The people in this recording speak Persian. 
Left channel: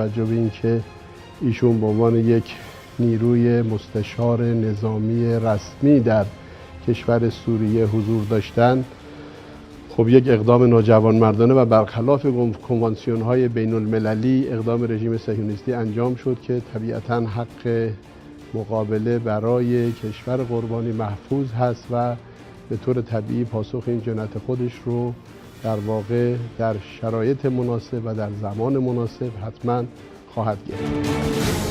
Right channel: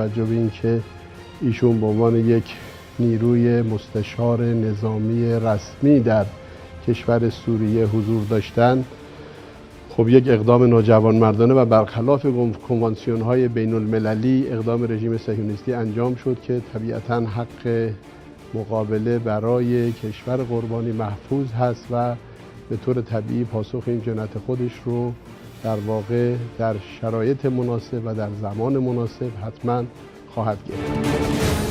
توجه به اینکه ایشون به عنوان یک نیروی مستشار نظامی رسمی در کشور سوریه حضور داشتن، خب یک اقدام ناجوانمردانه و برخلاف کنوانسیون‌های بین المللی اقدام رژیم صهیونیستی انجام شد که طبیعتاً حق مقابله برای کشور قربانی محفوظ هست و به طور طبیعی پاسخ این جنایت خودش رو در واقع در شرایط مناسب و در زمان مناسب حتما خواهد گرفت.